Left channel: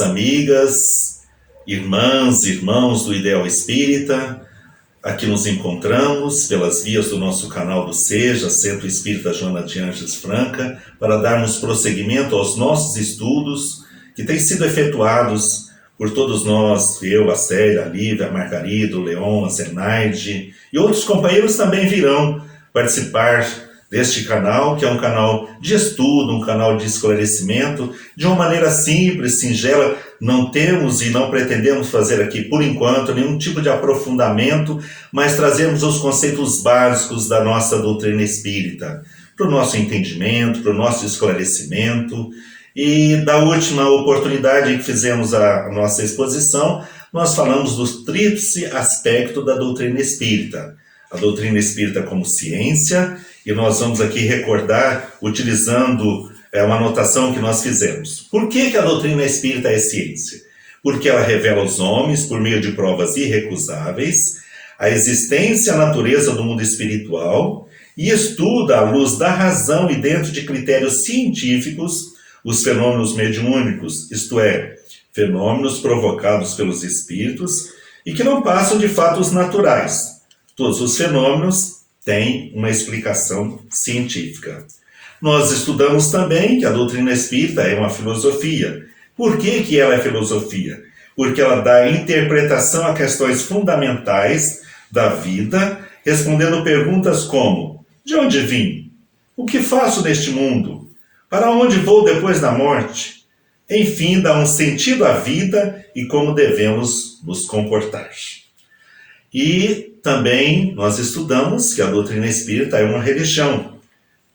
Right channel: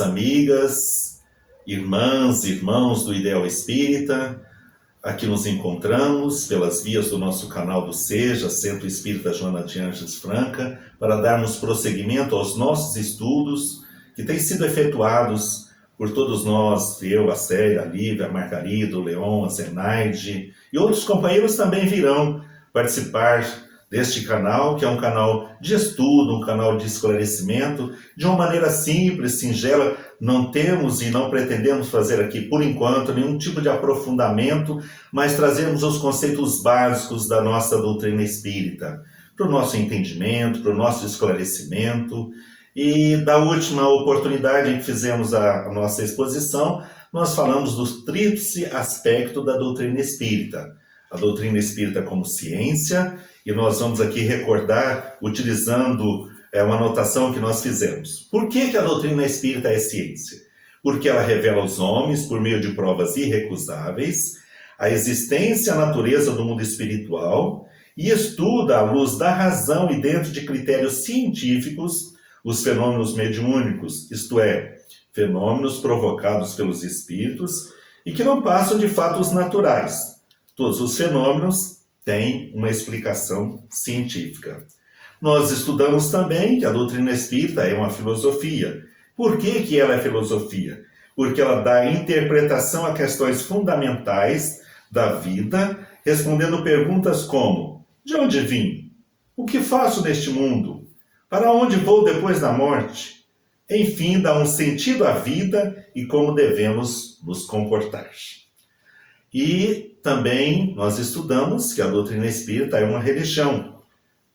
amigos, amigas, irmãs, irmãos do Ideal Espírita. Aqui nos encontramos pelas vias do nosso canal do SEJA, Centro Espírita Joana de Ângeles Franca, para darmos prosseguimento aos nossos estudos que têm sido efetuados por todos nós, eu, a Célia, a Lívia, a Margarida, o Leon, a Zenaide, e outros companheiros também virão participar deste canal, que é um canal de estudo, um canal de esclarecimento, de uma maneira simples, singela. Não temos e não pretendemos fazer aqui, por enquanto, nenhum tipo de aprofundamento, mas trazemos os conceitos básicos da nossa doutrina espírita, para o nosso entendimento, para o nosso esclarecimento. E da última oportunidade em que fizemos a nossa exposição, nós falamos do tríplice aspecto da doutrina espírita. A doutrina espírita como ciência, e nós vamos aqui recordar utilizando uma anotação que nós fizemos. Por que a doutrina espírita é ciência? Porque ela revela aos homens, por meio de provas irrecusáveis, a existência e a natureza do mundo espiritual e estuda, à luz da razão e dentro de critérios científicos, os fenômenos mediúnicos, isto é, fenômenos provocados pelos espíritos e que não passam de fatos naturais. Todos os fenômenos têm uma explicação científica. Nós estudamos também que a doutrina espírita é uma filosofia. Por que ela é filosofia? Porque ela dá interpretação a questões fundamentais da vida, respondendo perguntas como: de onde vim? O que faço neste mundo? Para onde vou depois da morte? Enfim, dá um sentido à vida e como devemos nos comportar. E também nós estudamos que a doutrina espírita é uma religião,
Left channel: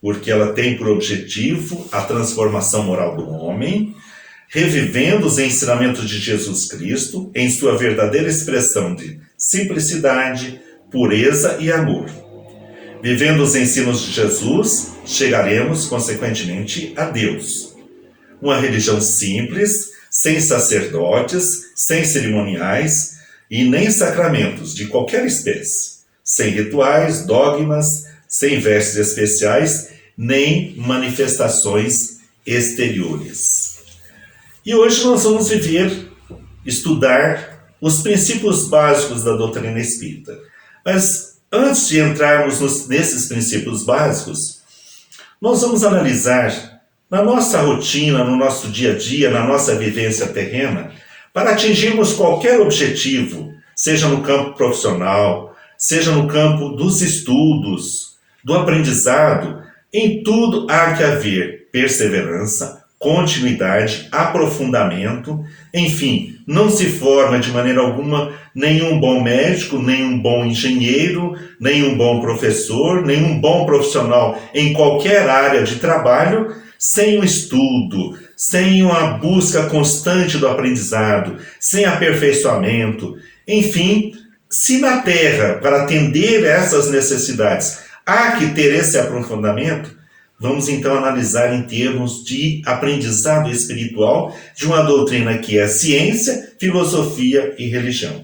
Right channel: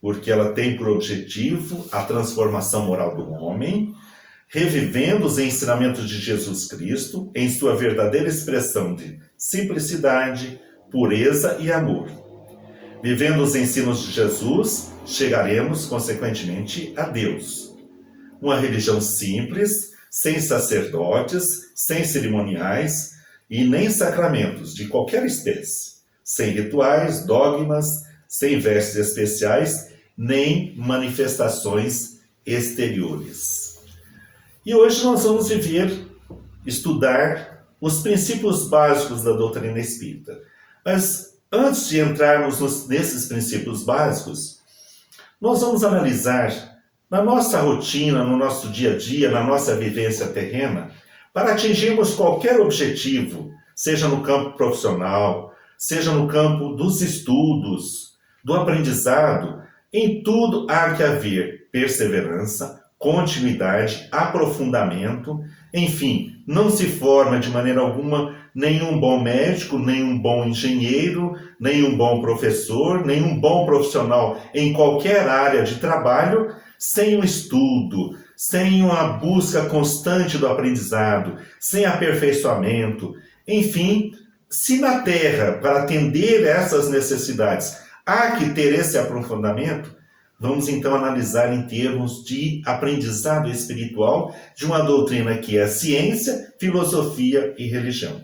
porque ela tem por objetivo a transformação moral do homem, revivendo os ensinamentos de Jesus Cristo em sua verdadeira expressão de simplicidade, pureza e amor. Vivendo os ensinos de Jesus, chegaremos, consequentemente, a Deus. Uma religião simples, sem sacerdotes, sem cerimoniais e nem sacramentos de qualquer espécie, sem rituais, dogmas, sem vestes especiais, nem manifestações exteriores. E hoje nós vamos estudar os princípios básicos da doutrina espírita. Mas antes de entrarmos nesses princípios básicos, nós vamos analisar na nossa rotina, no nosso dia a dia, na nossa vivência terrena, para atingirmos qualquer objetivo, seja no campo profissional, seja no campo dos estudos, do aprendizado, em tudo há que haver perseverança, continuidade, aprofundamento. Enfim, não se forma de maneira alguma nenhum bom médico, nenhum bom engenheiro, nenhum bom professor, nenhum bom profissional em qualquer área de trabalho sem o estudo, sem uma busca constante do aprendizado, sem aperfeiçoamento. Enfim, se na Terra, para atender essas necessidades, há que ter esse aprofundamento, vamos então analisar em termos de aprendizado espiritual de uma doutrina que é ciência, filosofia e religião.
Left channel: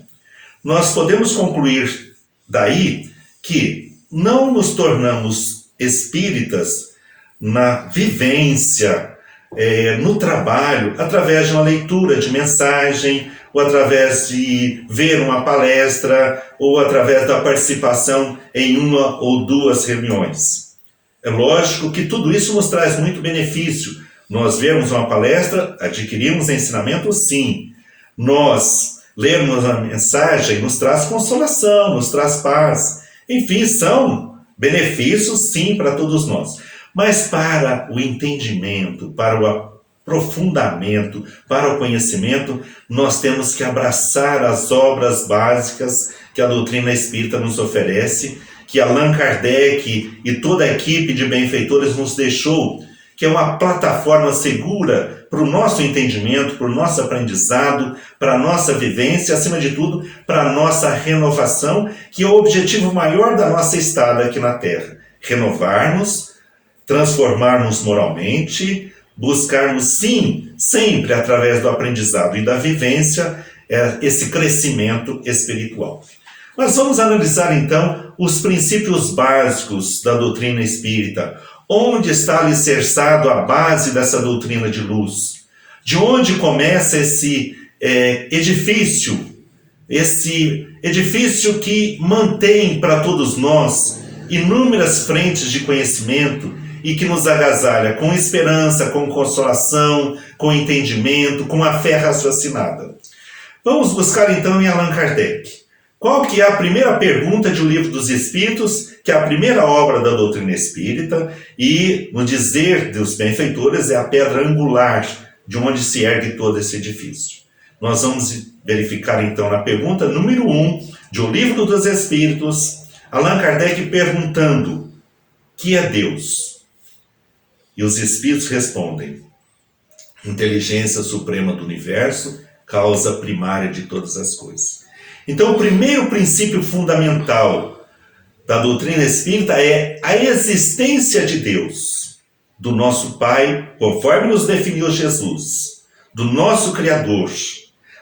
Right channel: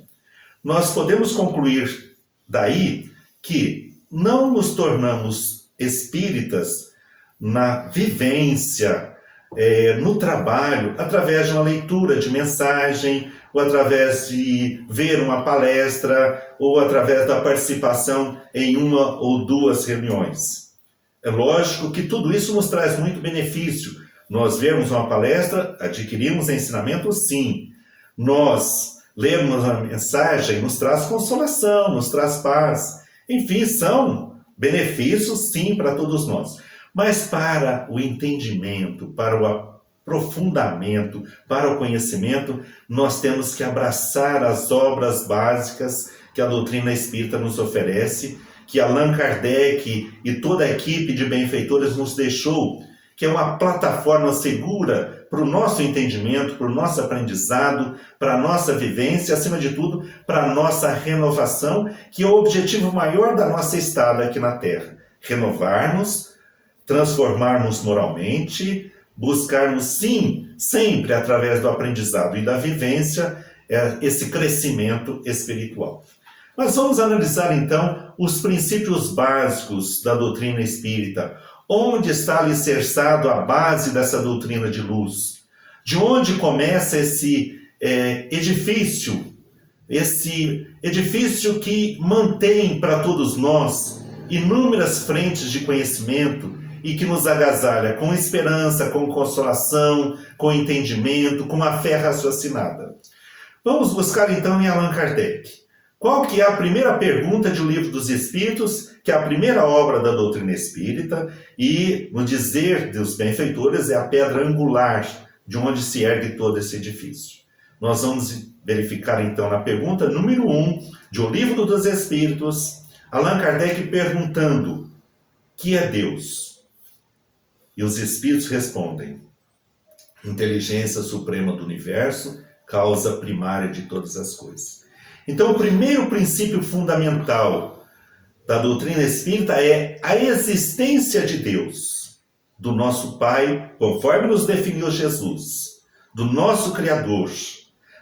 Nós podemos concluir daí que não nos tornamos espíritas na vivência, no trabalho, através de uma leitura de mensagem, ou através de ver uma palestra, ou através da participação em uma ou duas reuniões. É lógico que tudo isso nos traz muito benefício. Nós vemos uma palestra, adquirimos ensinamento, sim. Nós lermos a mensagem, nos traz consolação, nos traz paz. Enfim, são benefícios, sim, para todos nós. Mas para o entendimento, para o aprofundamento, para o conhecimento, nós temos que abraçar as obras básicas que a doutrina espírita nos oferece, que Allan Kardec e toda a equipe de benfeitores nos deixou, que é uma plataforma segura para o nosso entendimento, para o nosso aprendizado, para a nossa vivência, acima de tudo, para a nossa renovação, que é o objetivo maior da nossa estada aqui na Terra. Renovar-nos, transformarmos moralmente, buscarmos, sim, sempre através do aprendizado e da vivência, esse crescimento espiritual. Mas vamos analisar então os princípios básicos da doutrina espírita. Onde está alicerçado a base dessa doutrina de luz? De onde começa esse edifício que mantém para todos nós inúmeras frentes de conhecimento e que nos agasalha com esperança, com consolação, com entendimento, com a fé raciocinada. Vamos buscar então em Allan Kardec. Qual que é a primeira pergunta de O Livro dos Espíritos, que é a primeira obra da doutrina espírita e, no dizer dos benfeitores, é a pedra angular de onde se ergue todo esse edifício. Nós vamos verificar então na pergunta número 1 de O Livro dos Espíritos, Allan Kardec perguntando: que é Deus? E os Espíritos respondem: inteligência suprema do universo, causa primária de todas as coisas. Então, o primeiro princípio fundamental da doutrina espírita é a existência de Deus, do nosso Pai, conforme nos definiu Jesus, do nosso Criador,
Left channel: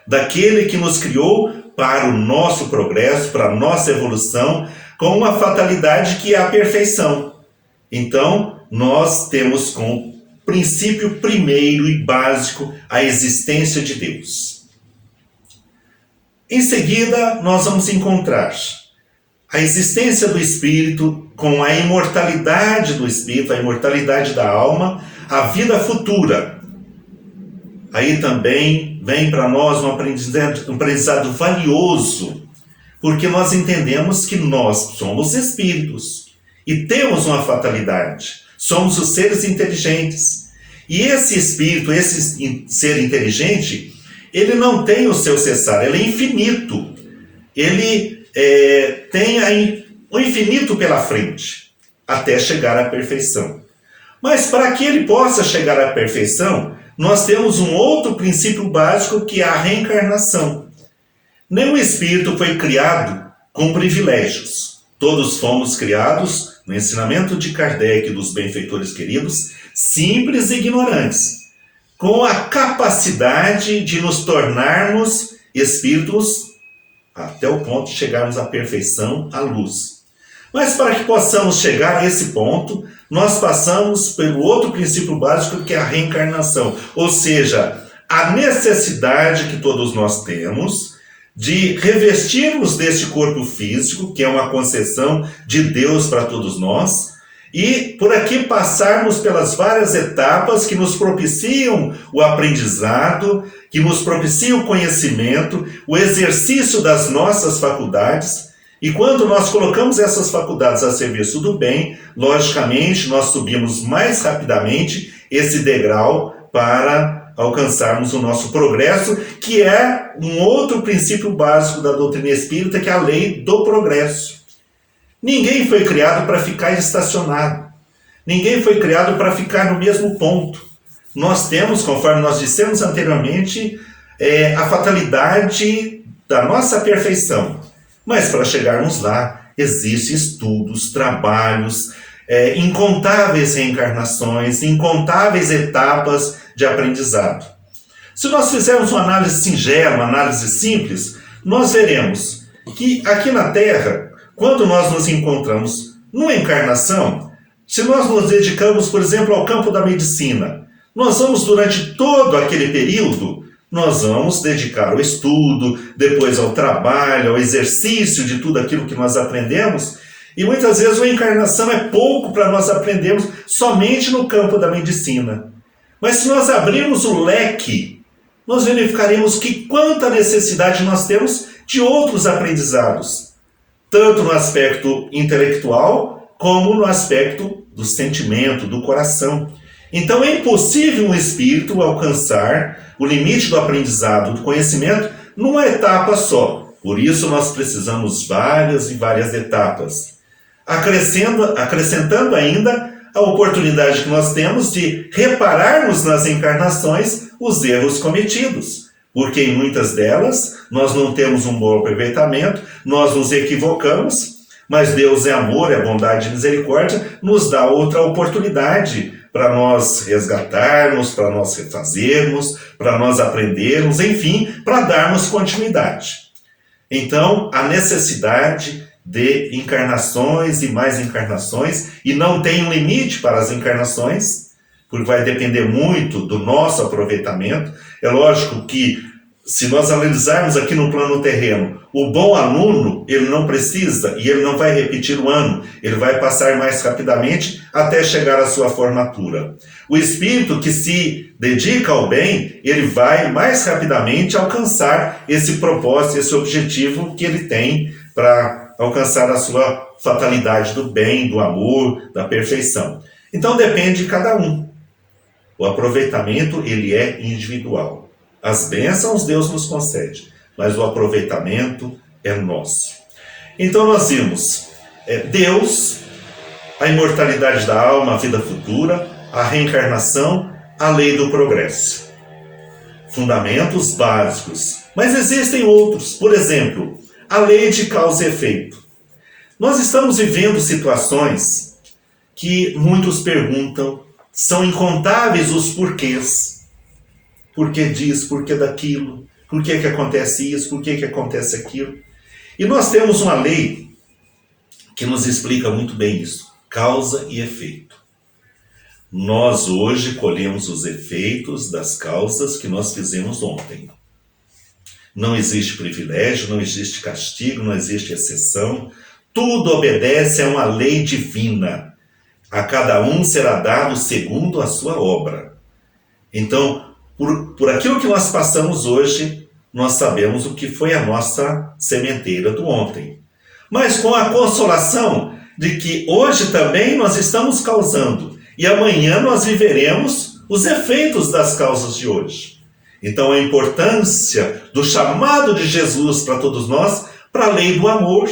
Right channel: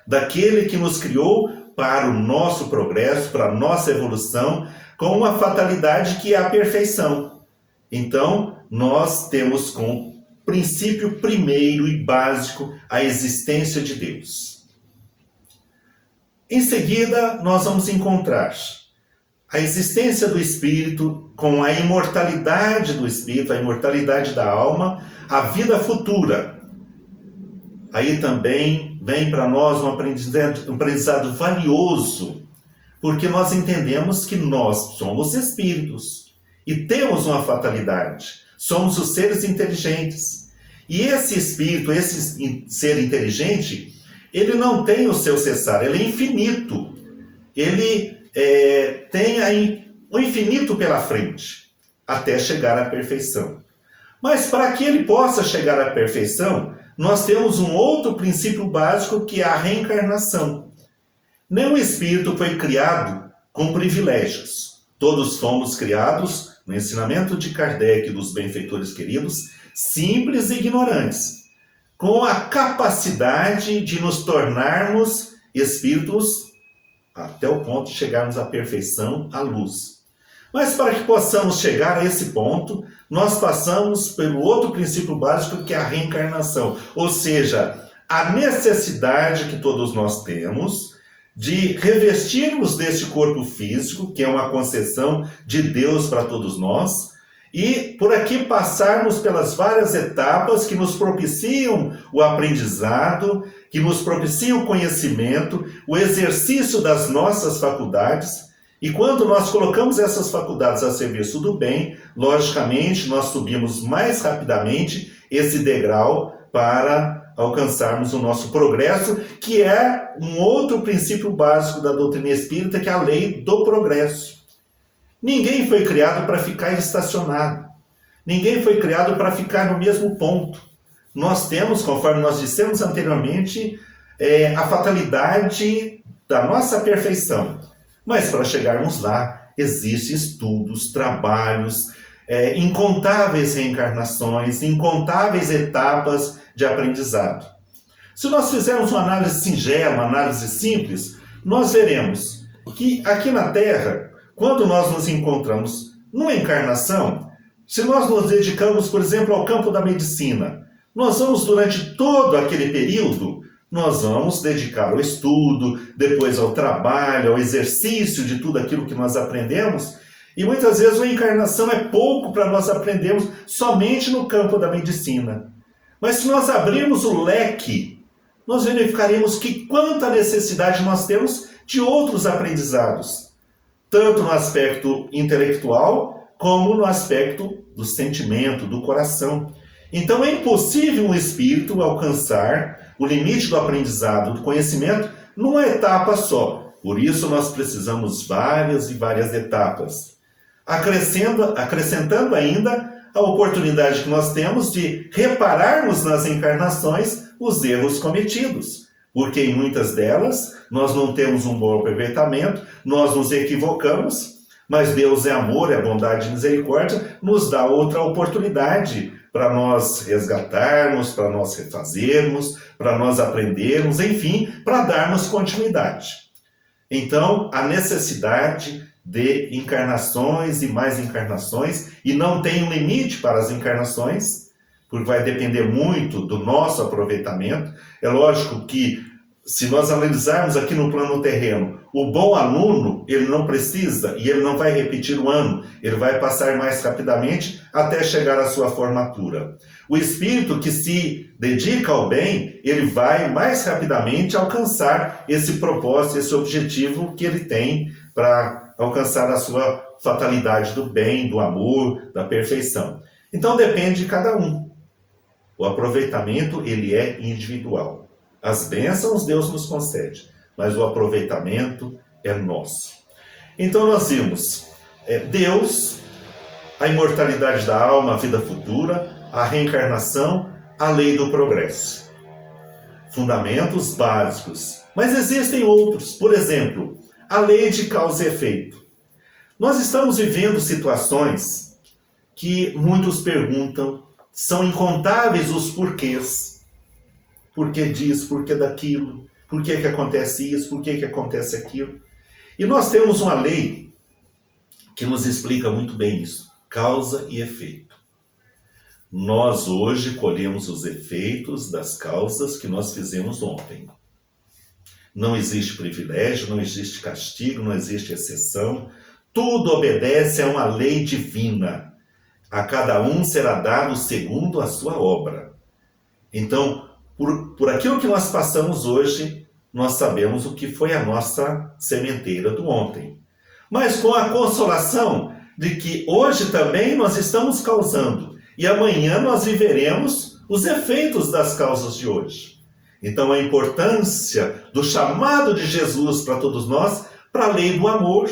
daquele que nos criou para o nosso progresso, para a nossa evolução, com uma fatalidade que é a perfeição. Então, nós temos como princípio primeiro e básico a existência de Deus. Em seguida, nós vamos encontrar a existência do Espírito com a imortalidade do Espírito, a imortalidade da alma, a vida futura. Aí também vem para nós um aprendizado valioso, porque nós entendemos que nós somos espíritos e temos uma fatalidade. Somos os seres inteligentes. E esse espírito, esse ser inteligente, ele não tem o seu cessar, ele é infinito. Ele tem o infinito pela frente, até chegar à perfeição. Mas para que ele possa chegar à perfeição, nós temos um outro princípio básico, que é a reencarnação. Nenhum espírito foi criado com privilégios. Todos fomos criados, no ensinamento de Kardec e dos benfeitores queridos, simples e ignorantes, com a capacidade de nos tornarmos espíritos até o ponto de chegarmos à perfeição, à luz. Mas para que possamos chegar a esse ponto, nós passamos pelo outro princípio básico, que é a reencarnação. Ou seja, a necessidade que todos nós temos de revestirmos deste corpo físico, que é uma concessão de Deus para todos nós, e por aqui passarmos pelas várias etapas que nos propiciam o aprendizado, que nos propiciam o conhecimento, o exercício das nossas faculdades. E quando nós colocamos essas faculdades a serviço do bem, logicamente nós subimos mais rapidamente esse degrau para alcançarmos o nosso progresso, que é um outro princípio básico da doutrina espírita, que é a lei do progresso. Ninguém foi criado para ficar estacionado. Ninguém foi criado para ficar no mesmo ponto. Nós temos, conforme nós dissemos anteriormente, a fatalidade da nossa perfeição. Mas para chegarmos lá, existem estudos, trabalhos, incontáveis reencarnações, incontáveis etapas de aprendizado. Se nós fizermos uma análise singela, uma análise simples, nós veremos que aqui na Terra, quando nós nos encontramos numa encarnação, se nós nos dedicamos, por exemplo, ao campo da medicina, nós vamos, durante todo aquele período, nós vamos dedicar ao estudo, depois ao trabalho, ao exercício de tudo aquilo que nós aprendemos, e muitas vezes a encarnação é pouco para nós aprendermos somente no campo da medicina. Mas se nós abrirmos o leque, nós verificaremos que quanta necessidade nós temos de outros aprendizados, tanto no aspecto intelectual, como no aspecto do sentimento, do coração. Então é impossível um espírito alcançar o limite do aprendizado, do conhecimento, numa etapa só. Por isso nós precisamos várias e várias etapas. Acrescentando ainda a oportunidade que nós temos de repararmos nas encarnações os erros cometidos. Porque em muitas delas nós não temos um bom aproveitamento, nós nos equivocamos, mas Deus é amor, é bondade e misericórdia, nos dá outra oportunidade para nós resgatarmos, para nós refazermos, para nós aprendermos, enfim, para darmos continuidade. Então, a necessidade de encarnações e mais encarnações, e não tem um limite para as encarnações, porque vai depender muito do nosso aproveitamento. É lógico que, se nós analisarmos aqui no plano terreno, o bom aluno, ele não precisa e ele não vai repetir o ano, ele vai passar mais rapidamente até chegar à sua formatura. O espírito que se dedica ao bem, ele vai mais rapidamente alcançar esse propósito, esse objetivo que ele tem para alcançar a sua fatalidade do bem, do amor, da perfeição. Então depende de cada um. O aproveitamento, ele é individual. As bênçãos Deus nos concede, mas o aproveitamento é nosso. Então nós vimos Deus, a imortalidade da alma, a vida futura, a reencarnação, a lei do progresso. Fundamentos básicos. Mas existem outros. Por exemplo, a lei de causa e efeito. Nós estamos vivendo situações que muitos perguntam, são incontáveis os porquês. Por que disso, por que daquilo? Por que acontece isso, por que acontece aquilo? E nós temos uma lei que nos explica muito bem isso. Causa e efeito. Nós hoje colhemos os efeitos das causas que nós fizemos ontem. Não existe privilégio, não existe castigo, não existe exceção. Tudo obedece a uma lei divina. A cada um será dado segundo a sua obra. Então, por aquilo que nós passamos hoje, nós sabemos o que foi a nossa sementeira do ontem. Mas com a consolação de que hoje também nós estamos causando e amanhã nós viveremos os efeitos das causas de hoje. Então a importância do chamado de Jesus para todos nós, para a lei do amor.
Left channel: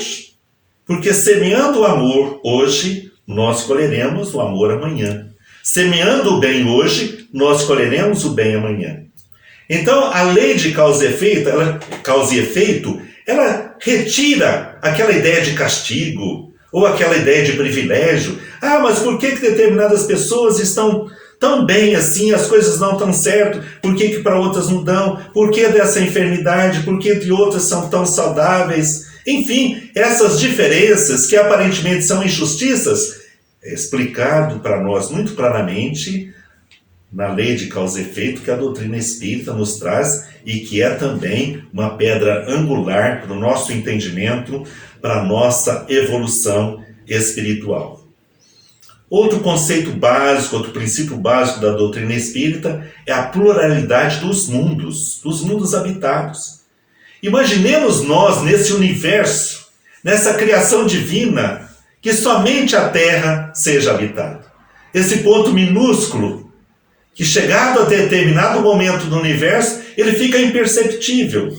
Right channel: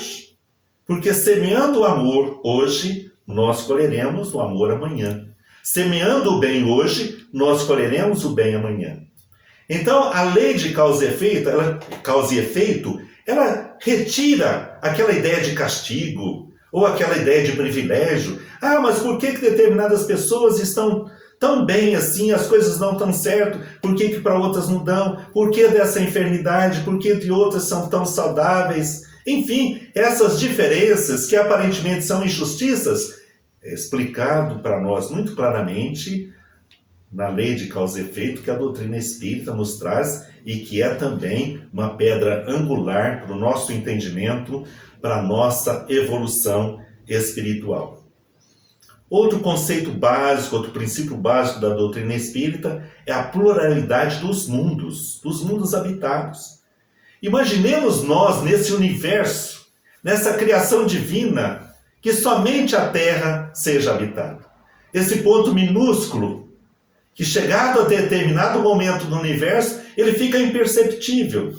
Porque semeando o amor hoje, nós colheremos o amor amanhã. Semeando o bem hoje, nós colheremos o bem amanhã. Então a lei de causa e efeito, ela retira aquela ideia de castigo, ou aquela ideia de privilégio. Ah, mas por que determinadas pessoas estão tão bem assim, as coisas não estão certo? Por que para outras não dão? Por que dessa enfermidade? Por que de outras são tão saudáveis? Enfim, essas diferenças que aparentemente são injustiças, é explicado para nós muito claramente na lei de causa e efeito que a doutrina espírita nos traz e que é também uma pedra angular para o nosso entendimento, para a nossa evolução espiritual. Outro conceito básico, outro princípio básico da doutrina espírita é a pluralidade dos mundos habitados. Imaginemos nós nesse universo, nessa criação divina, que somente a Terra seja habitada. Esse ponto minúsculo, que chegado a determinado momento do universo, ele fica imperceptível.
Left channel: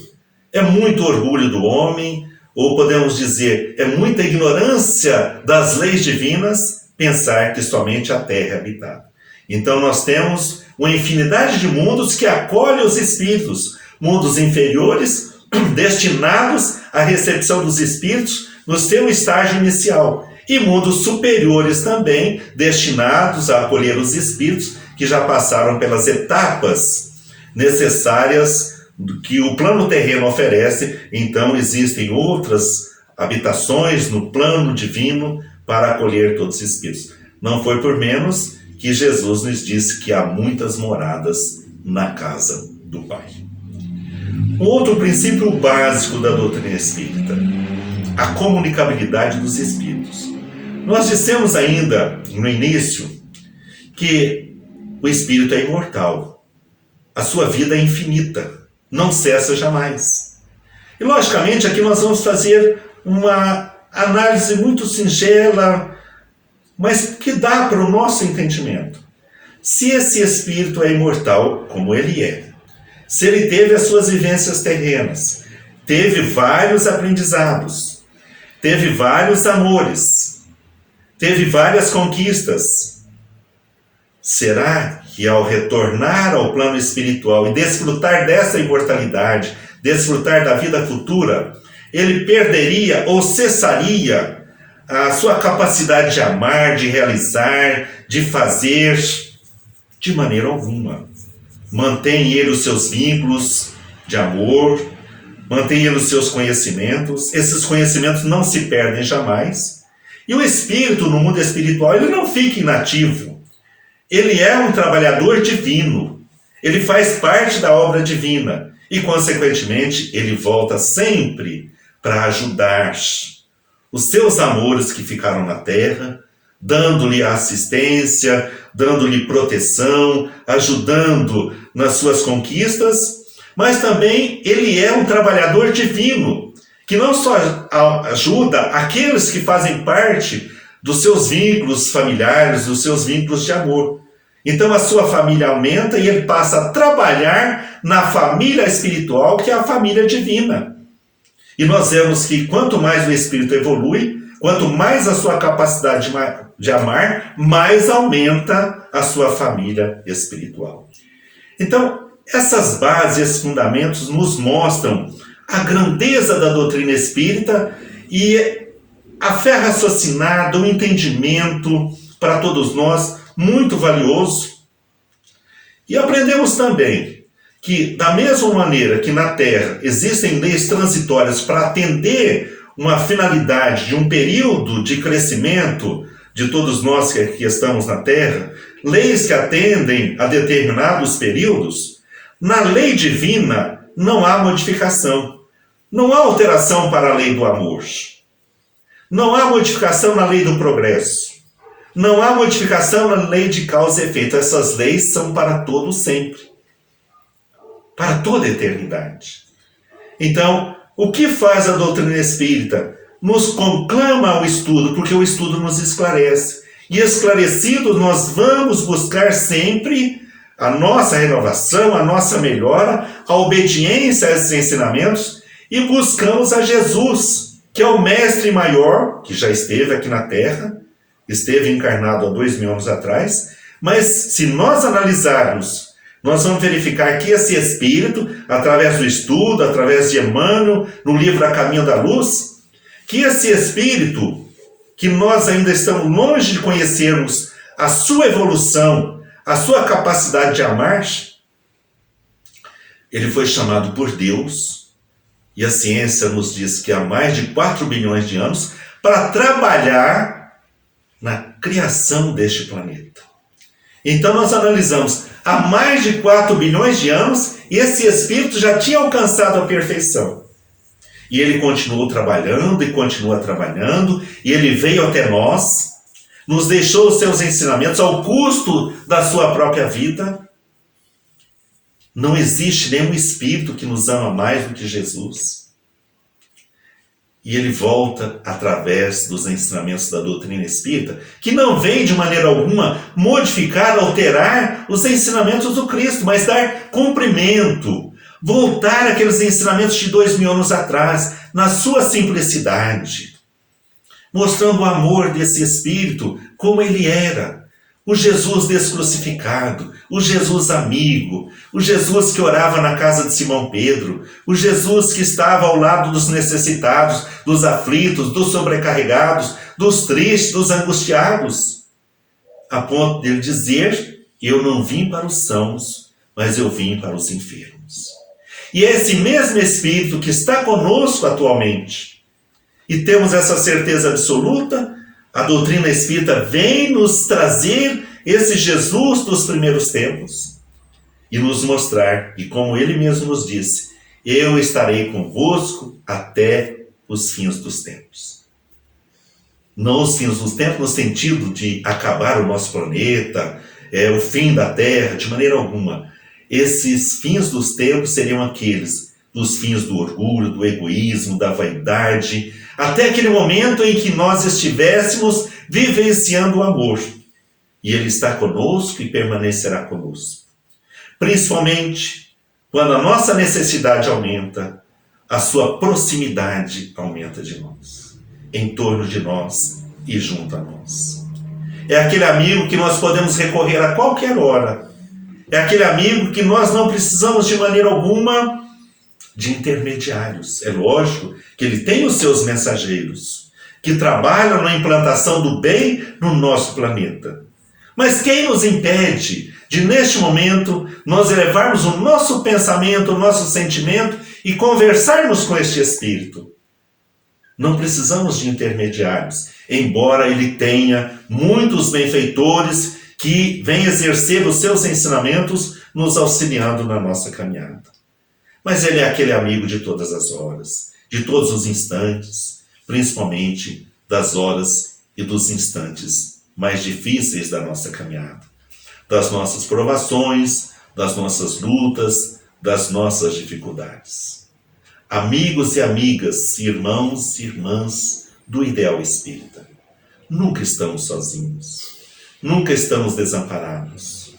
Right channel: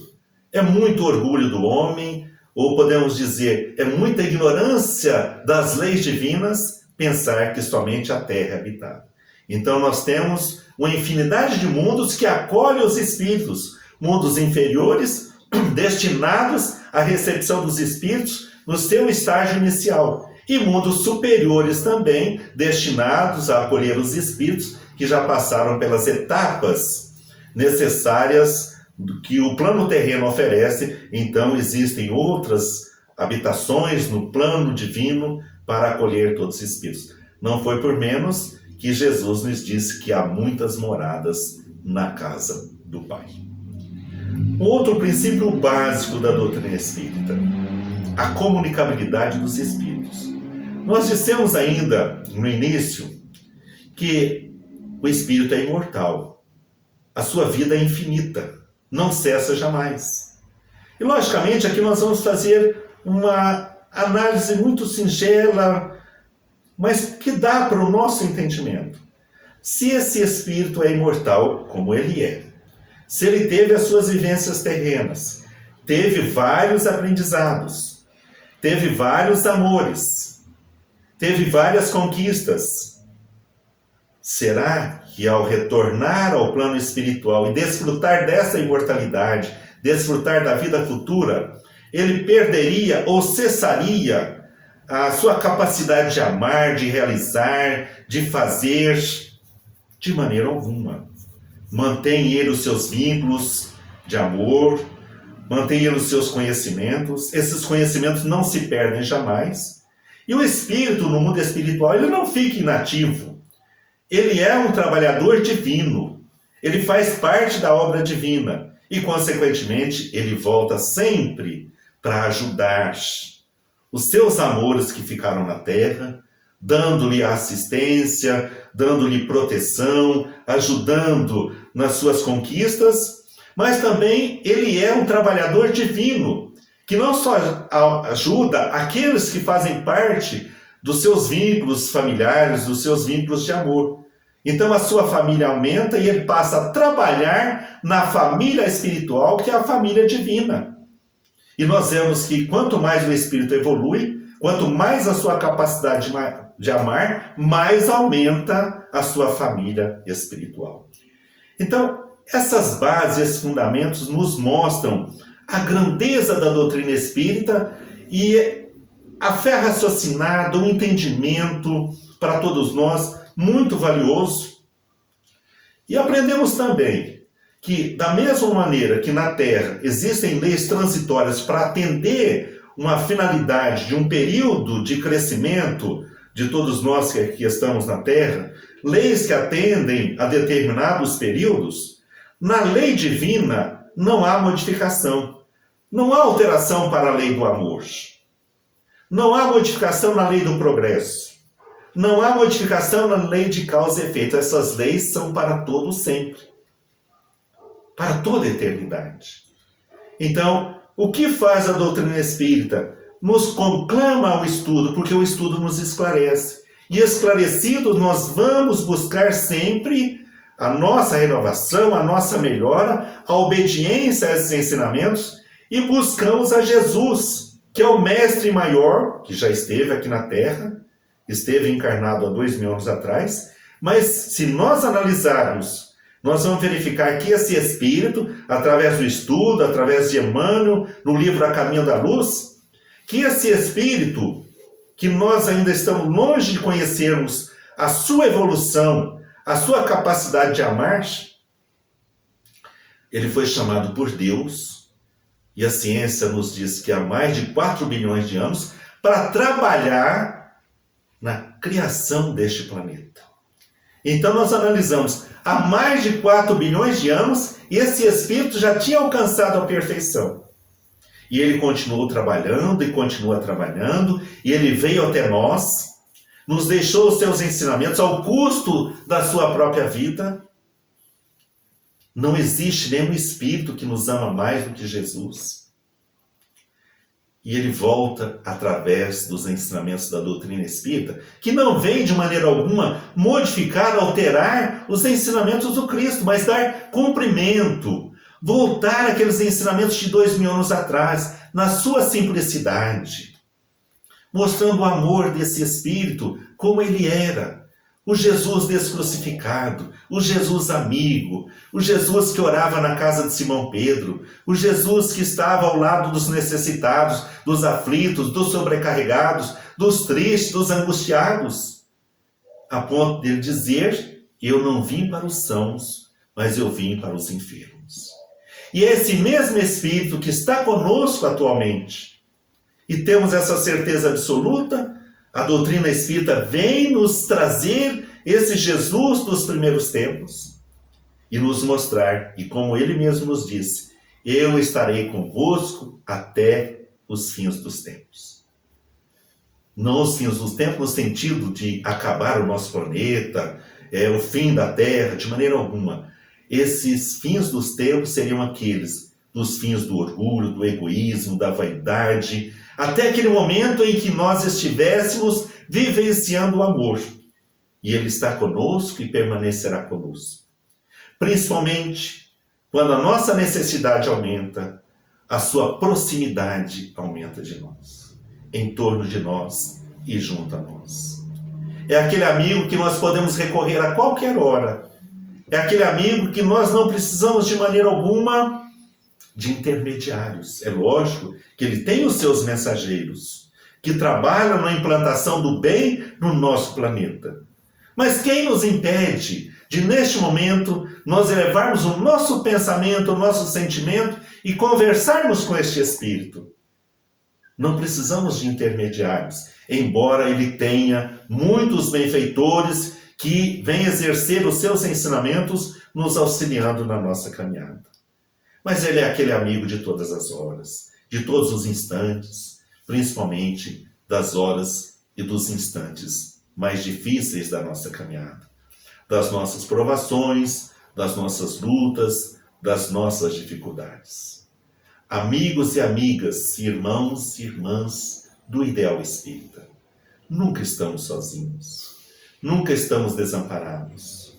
É muito orgulho do homem, ou podemos dizer, é muita ignorância das leis divinas pensar que somente a Terra é habitada. Então nós temos uma infinidade de mundos que acolhem os espíritos, mundos inferiores, destinados à recepção dos espíritos no seu estágio inicial, e mundos superiores também, destinados a acolher os espíritos que já passaram pelas etapas necessárias que o plano terreno oferece. Então existem outras habitações no plano divino para acolher todos os espíritos. Não foi por menos que Jesus nos disse que há muitas moradas na casa do Pai. Um outro princípio básico da doutrina espírita, a comunicabilidade dos espíritos. Nós dissemos ainda no início que o espírito é imortal, a sua vida é infinita, não cessa jamais. E logicamente aqui nós vamos fazer uma análise muito singela, mas que dá para o nosso entendimento. Se esse espírito é imortal, como ele é, se ele teve as suas vivências terrenas, teve vários aprendizados, teve vários amores, teve várias conquistas, será que ao retornar ao plano espiritual e desfrutar dessa imortalidade, desfrutar da vida futura, ele perderia ou cessaria a sua capacidade de amar, de realizar, de fazer? De maneira alguma. Mantém ele os seus vínculos de amor, mantém ele os seus conhecimentos. Esses conhecimentos não se perdem jamais. E o espírito, no mundo espiritual, ele não fica inativo. Ele é um trabalhador divino. Ele faz parte da obra divina. E, consequentemente, ele volta sempre para ajudar os seus amores que ficaram na terra, dando-lhe assistência, dando-lhe proteção, ajudando nas suas conquistas, mas também ele é um trabalhador divino, que não só ajuda aqueles que fazem parte dos seus vínculos familiares, dos seus vínculos de amor. Então a sua família aumenta e ele passa a trabalhar na família espiritual, que é a família divina. E nós vemos que quanto mais o espírito evolui, quanto mais a sua capacidade de amar, mais aumenta a sua família espiritual. Então, essas bases, esses fundamentos nos mostram a grandeza da doutrina espírita e a fé raciocinada, o entendimento para todos nós muito valioso. E aprendemos também que, da mesma maneira que na Terra existem leis transitórias para atender uma finalidade de um período de crescimento de todos nós que estamos na Terra, leis que atendem a determinados períodos, na lei divina não há modificação, não há alteração para a lei do amor, não há modificação na lei do progresso, não há modificação na lei de causa e efeito. Essas leis são para todo sempre, para toda a eternidade. Então, o que faz a doutrina espírita? Nos conclama ao estudo, porque o estudo nos esclarece. E esclarecidos, nós vamos buscar sempre a nossa renovação, a nossa melhora, a obediência a esses ensinamentos, e buscamos a Jesus, que é o mestre maior, que já esteve aqui na Terra, esteve encarnado há 2000 anos atrás, mas se nós analisarmos, nós vamos verificar que esse Espírito, através do estudo, através de Emmanuel, no livro A Caminho da Luz, que esse Espírito, que nós ainda estamos longe de conhecermos a sua evolução, a sua capacidade de amar, ele foi chamado por Deus, e a ciência nos diz que há mais de 4 bilhões de anos, para trabalhar na criação deste planeta. Então nós analisamos, há mais de 4 bilhões de anos, esse Espírito já tinha alcançado a perfeição. E ele continuou trabalhando e continua trabalhando, e ele veio até nós, nos deixou os seus ensinamentos ao custo da sua própria vida. Não existe nenhum Espírito que nos ama mais do que Jesus. E ele volta através dos ensinamentos da doutrina espírita, que não vem de maneira alguma modificar, alterar os ensinamentos do Cristo, mas dar cumprimento, voltar àqueles ensinamentos de 2000 anos atrás, na sua simplicidade, mostrando o amor desse Espírito como ele era. O Jesus descrucificado, o Jesus amigo, o Jesus que orava na casa de Simão Pedro, o Jesus que estava ao lado dos necessitados, dos aflitos, dos sobrecarregados, dos tristes, dos angustiados, a ponto dele dizer: eu não vim para os sãos, mas eu vim para os enfermos. E é esse mesmo Espírito que está conosco atualmente. E temos essa certeza absoluta. A doutrina espírita vem nos trazer esse Jesus dos primeiros tempos e nos mostrar, e como ele mesmo nos disse, eu estarei convosco até os fins dos tempos. Não os fins dos tempos no sentido de acabar o nosso planeta, o fim da Terra, de maneira alguma. Esses fins dos tempos seriam aqueles dos fins do orgulho, do egoísmo, da vaidade, até aquele momento em que nós estivéssemos vivenciando o amor. E ele está conosco e permanecerá conosco. Principalmente quando a nossa necessidade aumenta, a sua proximidade aumenta de nós, em torno de nós e junto a nós. É aquele amigo que nós podemos recorrer a qualquer hora. É aquele amigo que nós não precisamos de maneira alguma de intermediários. É lógico que ele tem os seus mensageiros, que trabalham na implantação do bem no nosso planeta. Mas quem nos impede de, neste momento, nós elevarmos o nosso pensamento, o nosso sentimento e conversarmos com este Espírito? Não precisamos de intermediários, embora ele tenha muitos benfeitores que vem exercer os seus ensinamentos, nos auxiliando na nossa caminhada. Mas Ele é aquele amigo de todas as horas, de todos os instantes, principalmente das horas e dos instantes mais difíceis da nossa caminhada, das nossas provações, das nossas lutas, das nossas dificuldades. Amigos e amigas, irmãos e irmãs do Ideal Espírita, nunca estamos sozinhos, nunca estamos desamparados.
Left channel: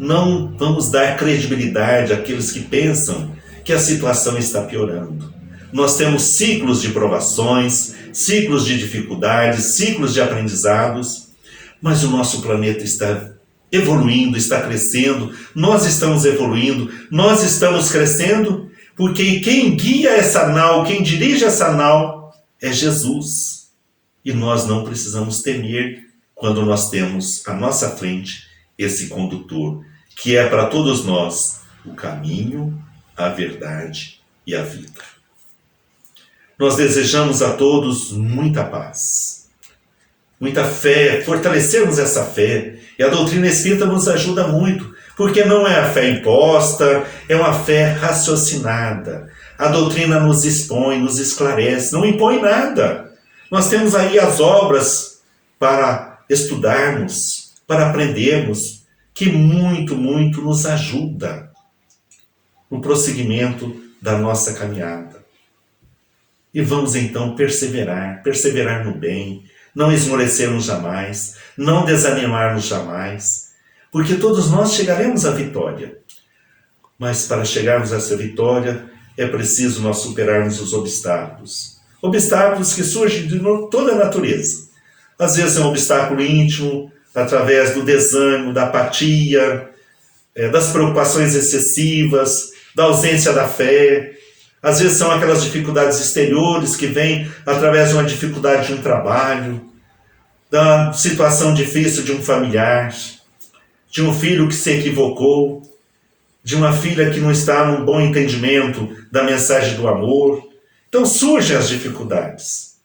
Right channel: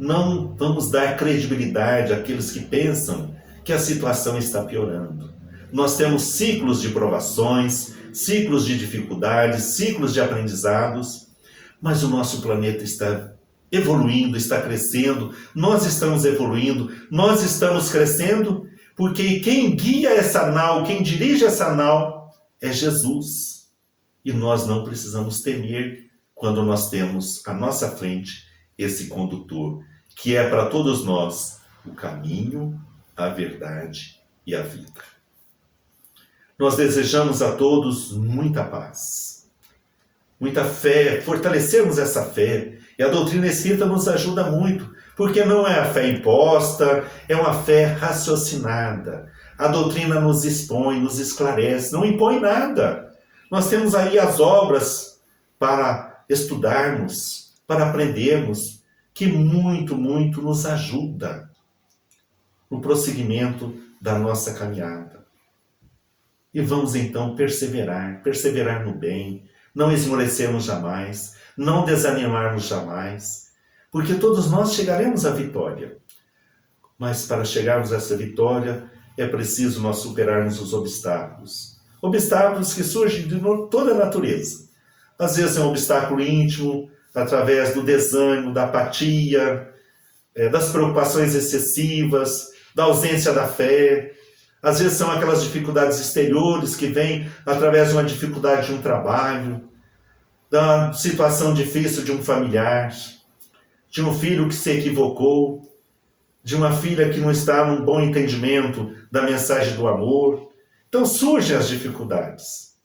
Não vamos dar credibilidade àqueles que pensam que a situação está piorando. Nós temos ciclos de provações, ciclos de dificuldades, ciclos de aprendizados, mas o nosso planeta está evoluindo, está crescendo, nós estamos evoluindo, nós estamos crescendo, porque quem guia essa nau, quem dirige essa nau é Jesus. E nós não precisamos temer quando nós temos à nossa frente esse condutor, que é para todos nós o caminho, a verdade e a vida. Nós desejamos a todos muita paz, muita fé, fortalecermos essa fé. E a doutrina espírita nos ajuda muito, porque não é a fé imposta, é uma fé raciocinada. A doutrina nos expõe, nos esclarece, não impõe nada. Nós temos aí as obras para estudarmos, para aprendermos, que muito nos ajuda no prosseguimento da nossa caminhada. E vamos então perseverar no bem, não esmorecermos jamais, não desanimarmos jamais, porque todos nós chegaremos à vitória. Mas para chegarmos a essa vitória, é preciso nós superarmos os obstáculos. Obstáculos que surgem de toda a natureza. Às vezes é um obstáculo íntimo, através do desânimo, da apatia, das preocupações excessivas, da ausência da fé. Às vezes são aquelas dificuldades exteriores que vêm através de uma dificuldade de um trabalho, da situação difícil de um familiar, de um filho que se equivocou, de uma filha que não está num bom entendimento da mensagem do amor. Então surgem as dificuldades,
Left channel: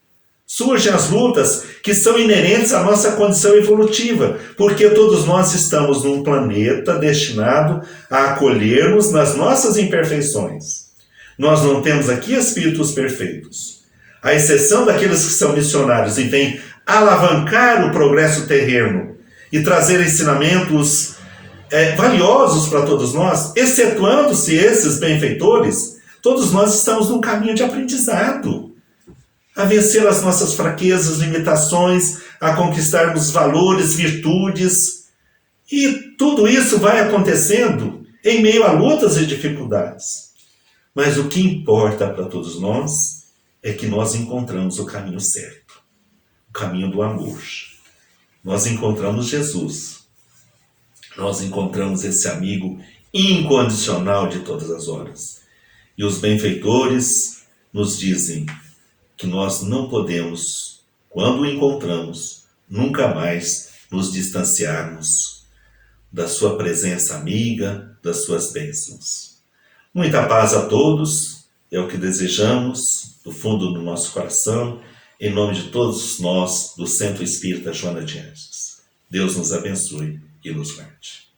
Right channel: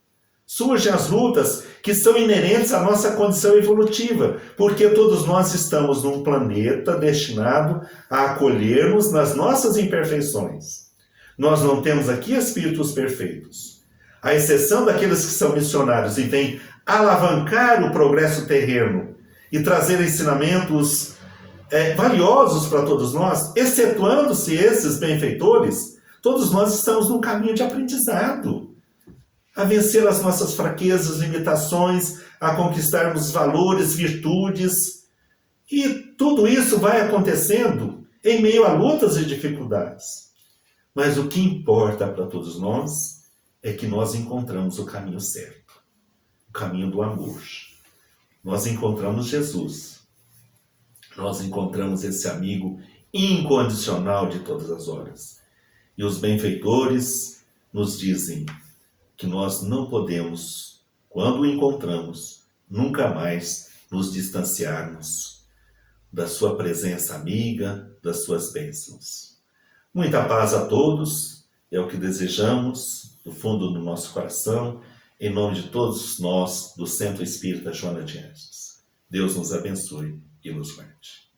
surgem as lutas que são inerentes à nossa condição evolutiva, porque todos nós estamos num planeta destinado a acolher-nos nas nossas imperfeições. Nós não temos aqui espíritos perfeitos, à exceção daqueles que são missionários e vêm alavancar o progresso terreno e trazer ensinamentos valiosos para todos nós, excetuando-se esses benfeitores, todos nós estamos num caminho de aprendizado, a vencer as nossas fraquezas, limitações, a conquistarmos valores, virtudes, e tudo isso vai acontecendo em meio a lutas e dificuldades. Mas o que importa para todos nós é que nós encontramos o caminho certo, o caminho do amor. Nós encontramos Jesus. Nós encontramos esse amigo incondicional de todas as horas. E os benfeitores nos dizem que nós não podemos, quando o encontramos, nunca mais nos distanciarmos da sua presença amiga, das suas bênçãos. Muita paz a todos, é o que desejamos do fundo do nosso coração, em nome de todos nós do Centro Espírita Joana de Anjos. Deus nos abençoe e nos guarde.